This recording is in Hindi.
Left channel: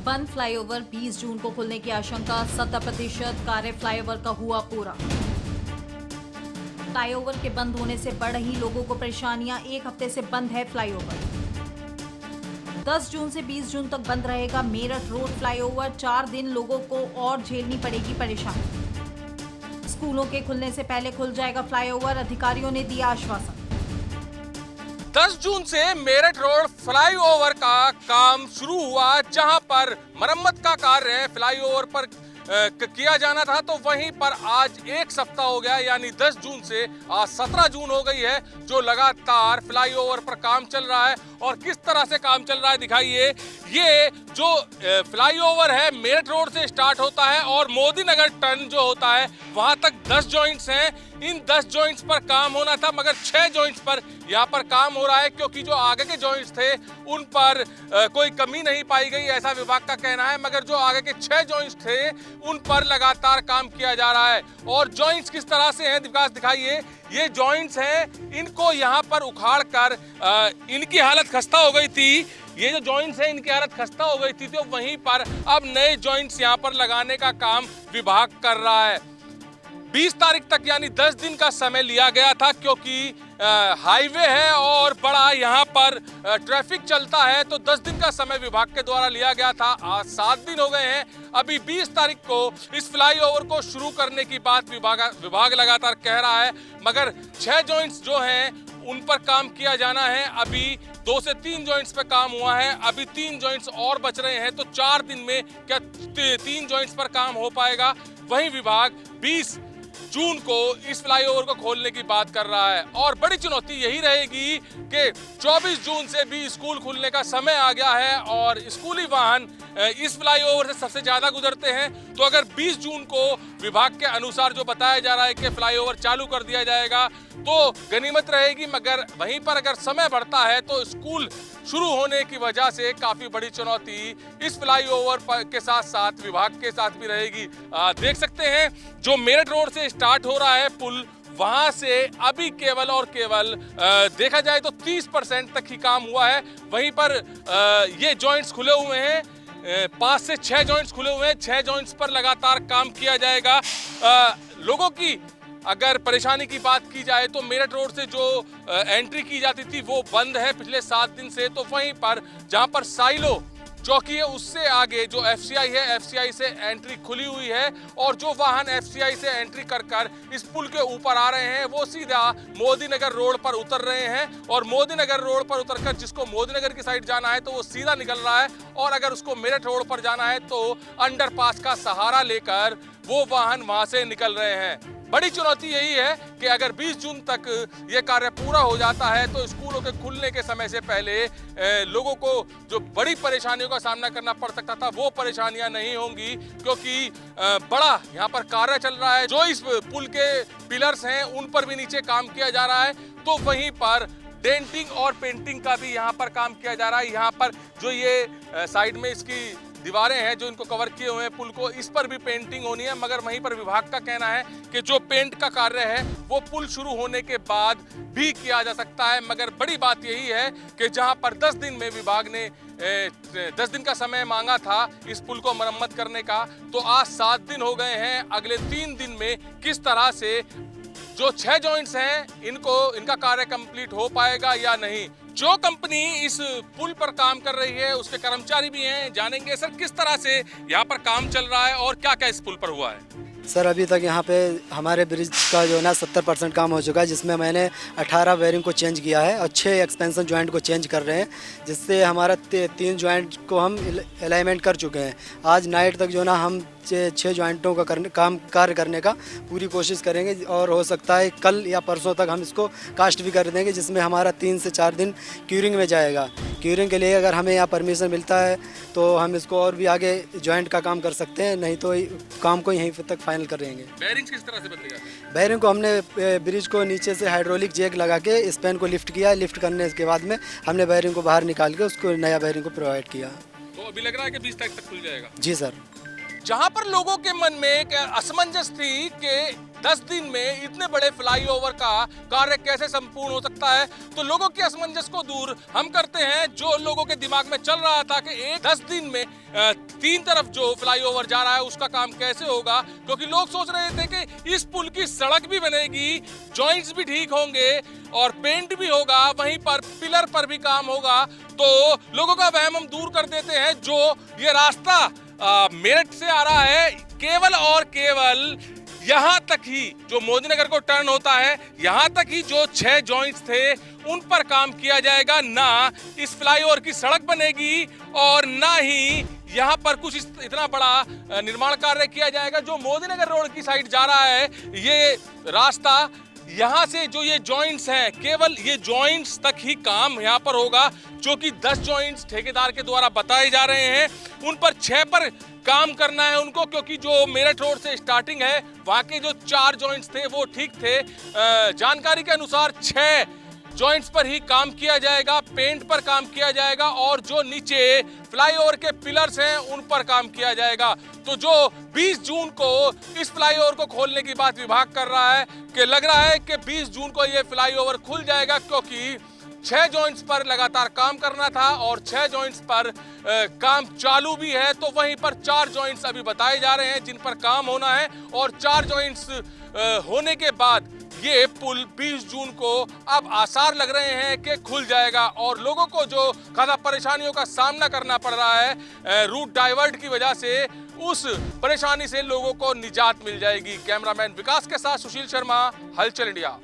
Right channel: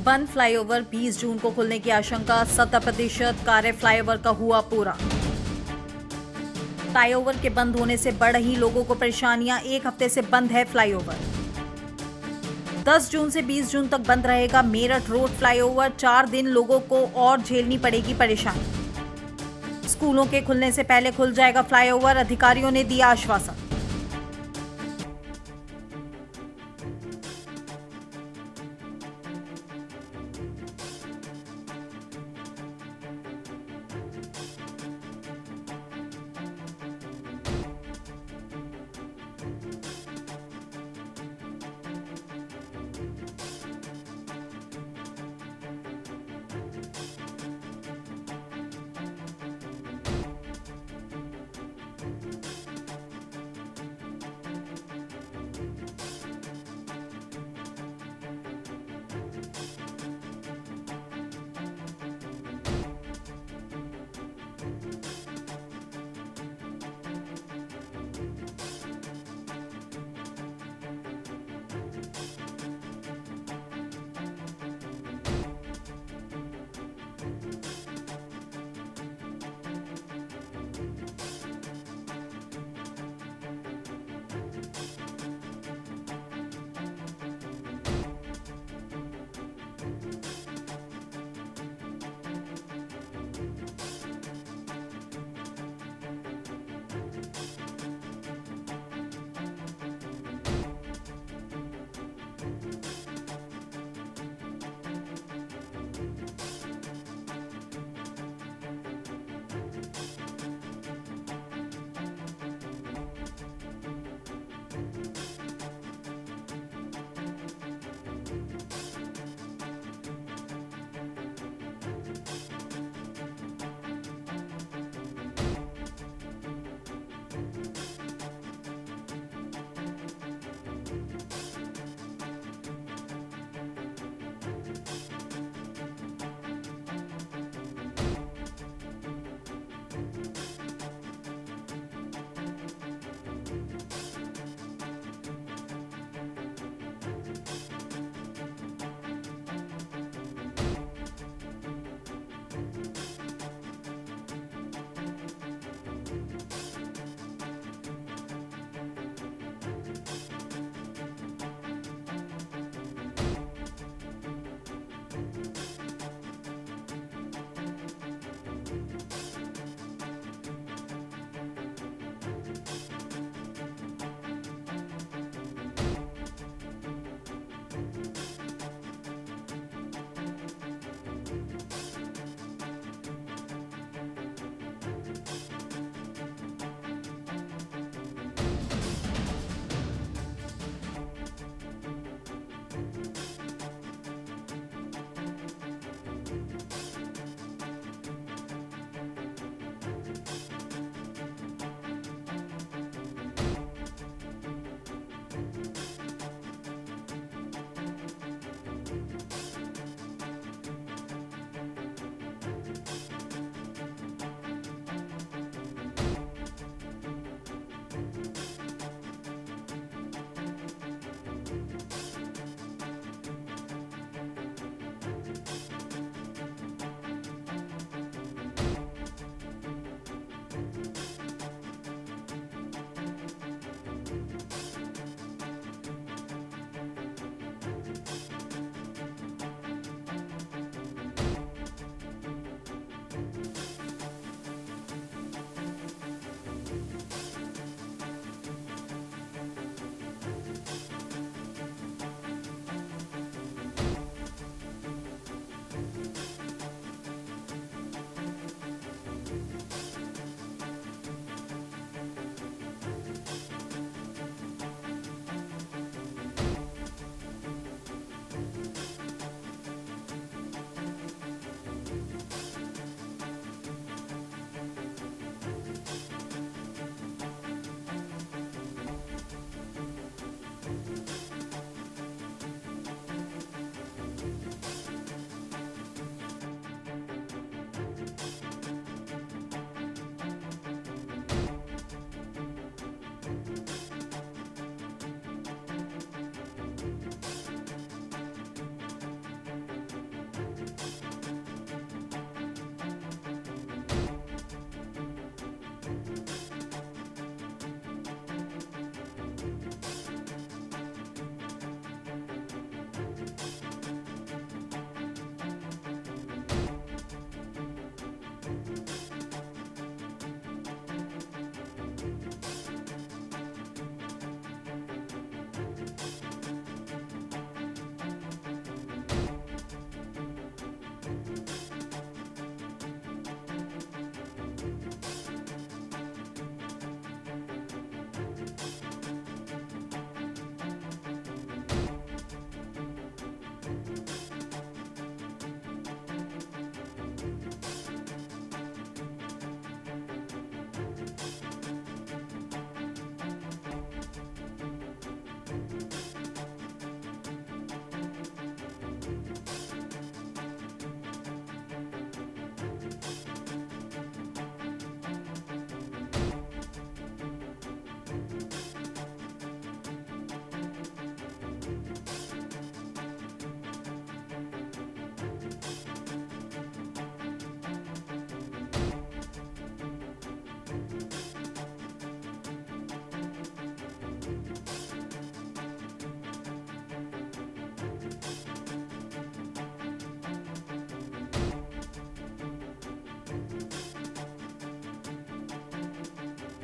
बंद फ्लाईओवर 20 जून को खुलने की आशंका, 70% कार्य फ्लाईओवर का हुआ पूरा। फ्लाईओवर के बंद होने से बढ़ रही लोगों को परेशानियां, एक हफ्ते से बंद है फ्लाईओवर। 10 जून से 20 जून तक बंद रहेगा मेरठ रोड फ्लाईओवर, 4 दिन लोगों को और झेलनी पड़ेगी परेशानी। स्कूलों के खुलने से पहले खुल जाएगा फ्लाईओवर, अधिकारियों ने दिया आश्वासन। 10 जून से मेरठ रोड फ्लाईओवर का काम शुरू हुआ, जहां पर मरम्मत का कार्य फ्लाईओवर पर किया जाना था, तो वहीं पर आज एक सप्ताह हो गया, यानी 10 जून से आज 17 जून हो गई है, जो लगातार फ्लाईओवर पर काम चल रहा है। और किस तरह से काम चल रहा है दिखाइए। ये जो फ्लाईओवर है मेरठ रोड से स्टार्ट होता है और मोदी नगर टर्न जो होता है वहां तक 10 जॉइंट्स हैं। इन 10 जॉइंट्स पर काम होना था, मगर 6 जॉइंट्स पर यहाँ पर काम हो रहा है, क्योंकि जो आगे के जॉइंट्स थे उन पर कोई कमी नहीं पाई गई, ऐसा विभाग का कहना है। मगर जो आगे के 6 जॉइंट्स थे उन पर लगातार काम किया जा रहा है। और जॉइंट्स किस तरह से हैं विकास दिखाइए। ये जॉइंट्स हैं, इनको यहाँ पर उखाड़ कर इनकी हालत खस्ता हो गई थी। ये जो जॉइंट्स हैं इनकी हालत खस्ता हो गई थी, तो वहीं पर अब नए जॉइंट्स यहाँ पर लगाने का काम विभाग कर रहा है। 20 तारीख तक यानी 10 दिन का समय लिया गया था, क्योंकि हाईवे है और बड़ा यहाँ पर ट्रैफिक चलता है, तो 10 दिन का समय विभाग के द्वारा लिया गया था। आज 7 दिन हो गए हैं। अभी 20 तारीख को इस फ्लाईओवर को शुरू करने की बात विभाग लगातार कह रहा है, मगर 6 जॉइंट्स जो हैं उन पर काम किया जाना है। अभी 2 से 3 जॉइंट्स पे काम हुआ है, अभी 3 जॉइंट्स और बच रहे हैं, तो 4 दिन में क्या 3 जॉइंट्स पर काम हो पाएगा। वहीं विभाग 20 जून को इस फ्लाईओवर को खोलने की बात कर रहा है। और बड़ी चुनौती यही रहेगी कि 24 जून से भी स्कूल खुलने का समय आ गया है और स्कूली वाहन इस फ्लाईओवर से सबसे ज्यादा गुजरते हैं। तो अगर 20 जून को विभाग के अनुसार जो बताया जा रहा है कि फ्लाईओवर चालू कर दिया जाएगा, तो गनीमत रहेगी। मगर वहीं पर अगर समय बढ़ता है तो स्कूल शुरू होने की वजह से काफी बड़ी चुनौती इस फ्लाईओवर के साथ साथ विभाग के साथ भी रहेगी। देख सकते हैं जो मेरठ रोड से स्टार्ट हो रहा है पुल, वहां से अभी केवल और केवल देखा जाए तो 30% तक ही काम हुआ है। वहीं पर ये जॉइंट्स खुले हुए हैं, 5 से 6 जॉइंट्स खुले हुए हैं। 6 जॉइंट्स पर लगातार काम किया जाएगा। लोगों की अगर परेशानी की बात की जाए तो मेरठ रोड से जो एंट्री की जाती थी वो बंद है पिछले 7 दिन से। तो वहीं पर जहां पर साइलो चौकी है उससे आगे जो एफसीआई है, एफसीआई से एंट्री खुली हुई है। और जो वाहन एफसीआई से एंट्री कर इस पुल के ऊपर आ रहे हैं वो सीधा मोदी नगर रोड पर उतर रहे हैं। और मोदी नगर रोड पर उतरकर जिसको मोदी नगर की साइड जाना है तो वो सीधा निकल रहा है, और अगर उसको मेरठ रोड पर जाना है तो अंडरपास का सहारा लेकर वो वाहन वहां से निकल रहे हैं। बड़ी चुनौती यही है कि अगर 20 जून तक ये कार्य पूरा हो जाता है तो स्कूलों के खुलने के समय से पहले लोगों को जो बड़ी परेशानियों का सामना करना पड़ सकता था वो परेशानियां नहीं होंगी, क्योंकि बड़ा यहाँ पर कार्य चल रहा है। जो इस पुल के पिलर्स हैं उन पर भी नीचे काम किया जा रहा है, तो वहीं पर डेंटिंग और पेंटिंग का भी यहाँ पर काम किया जा रहा है। यहाँ पर जो ये साइड में इसकी दीवारें हैं जो इनको कवर किए हुए हैं पुल को, इस पर भी पेंटिंग होनी है। मगर वहीं पर विभाग का कहना है कि जो पेंट का कार्य है वो पुल शुरू होने के बाद भी किया जा सकता है। मगर बड़ी बात यही है कि जहां पर 10 दिन में विभाग ने 10 दिन का समय मांगा था इस पुल को मरम्मत करने का, तो आज 7 दिन हो गए हैं। अगले 3 दिन में किस तरह से जो 6 जॉइंट्स हैं इनका कार्य कंप्लीट हो पाएगा या नहीं। जो कंपनी इस पुल पर काम कर रही है उसके कर्मचारी भी हैं, जानेंगे सर किस तरह से यहाँ पर काम चल रहा है और क्या क्या इस पुल पर हुआ है। सर अभी तक यहाँ पे हमारे ब्रिज का जो है ना 70% काम हो चुका है, जिसमें मैंने 18 बेयरिंग को चेंज किया है और 6 एक्सपेंशन जॉइंट को चेंज कर रहे हैं, जिससे हमारा 3 जॉइंट को हम अलाइनमेंट कर चुके हैं। आज नाइट तक जो ना हम 6 जॉइंटों का कार्य करने का पूरी कोशिश करेंगे, और हो सकता है कल या परसों तक हम इसको कास्ट भी कर देंगे, जिसमें हमारा 3 से 4 दिन क्यूरिंग में जाएगा। क्यूरिंग के लिए अगर हमें यहाँ परमिशन मिलता है तो हम इसको और भी आगे जॉइंट का काम कर सकते हैं, नहीं तो काम को यहीं तक फाइनल करेंगे। बेयरिंग्स किस तरह से बदलेगा? बेयरिंग को हमने ब्रिज को नीचे से हाइड्रोलिक जैक लगा के स्पैन को लिफ्ट किया। लिफ्ट करने के बाद में हमने बेयरिंग को बाहर निकाल के उसको नया बेयरिंग को प्रोवाइड किया। तो अभी लग रहा है कि 20 तारीख तक खुल जाएगा। जी सर। जहां पर लोगों के मन में एक असमंजस थी कि 10 दिन में इतने बड़े फ्लाईओवर का कार्य कैसे संपूर्ण हो सकता है, तो लोगों के असमंजस को दूर हम करते हैं। जो लोगों के दिमाग में चल रहा था कि 10 दिन में तीन तरफ जो फ्लाईओवर जा रहा है उसका काम कैसे होगा, क्योंकि लोग सोच रहे थे कि इस पुल की सड़क भी बनेगी, जॉइंट्स भी ठीक होंगे और पेंट भी होगा, वहीं पर पिलर पर भी काम होगा। तो लोगों का वहम हम दूर कर देते हैं। जो ये रास्ता मेरठ से आ रहा है, केवल और केवल यहाँ तक ही जो मोदीनगर को टर्न होता है, यहाँ तक ही जो 6 जॉइंट्स थे उन पर काम किया जाएगा। ना इस फ्लाईओवर की सड़क बनेगी और ना ही यहाँ पर कुछ इतना बड़ा निर्माण कार्य किया जाएगा। जो मोदीनगर रोड की साइड जा रहा है ये रास्ता, यहाँ से जो ये जॉइंट्स हैं, केवल ये जॉइंट्स तक ही काम यहाँ पर होगा, जो कि 10 जॉइंट्स ठेकेदार के द्वारा बताए जा रहे हैं। उन पर 6 पर काम करना है उनको, क्योंकि जो मेरठ रोड से स्टार्टिंग है वहाँ के जो 4 जॉइंट्स थे वो ठीक थे। जानकारी के अनुसार 6 जॉइंट्स पर ही काम किया जाएगा, पेंट पर काम किया जाएगा और जो नीचे फ्लाईओवर के पिलर्स हैं उन पर काम किया जाएगा। तो जो 20 जून को इस फ्लाईओवर को खोलने की बात विभाग कर रहा है कि लग रहा है कि 20 जून को ये फ्लाईओवर खुल जाएगा, क्योंकि 6 जॉइंट्स पर लगातार काम करना था और 6 जॉइंट्स पर काम चालू भी है। तो वहीं पर 4 जॉइंट्स अभी बताए जा रहे हैं जिन पर काम होना है और 4 जॉइंट्स होने के बाद ये पुल 20 जून को अब आसार लग रहे हैं कि खुल जाएगा। और लोगों को जो खासा परेशानियों का सामना करना पड़ रहा है रूट डाइवर्ट की वजह से, उस परेशानी से लोगों को निजात मिल जाएगी। कैमरामैन विकास के साथ सुशील शर्मा, हलचल इंडिया।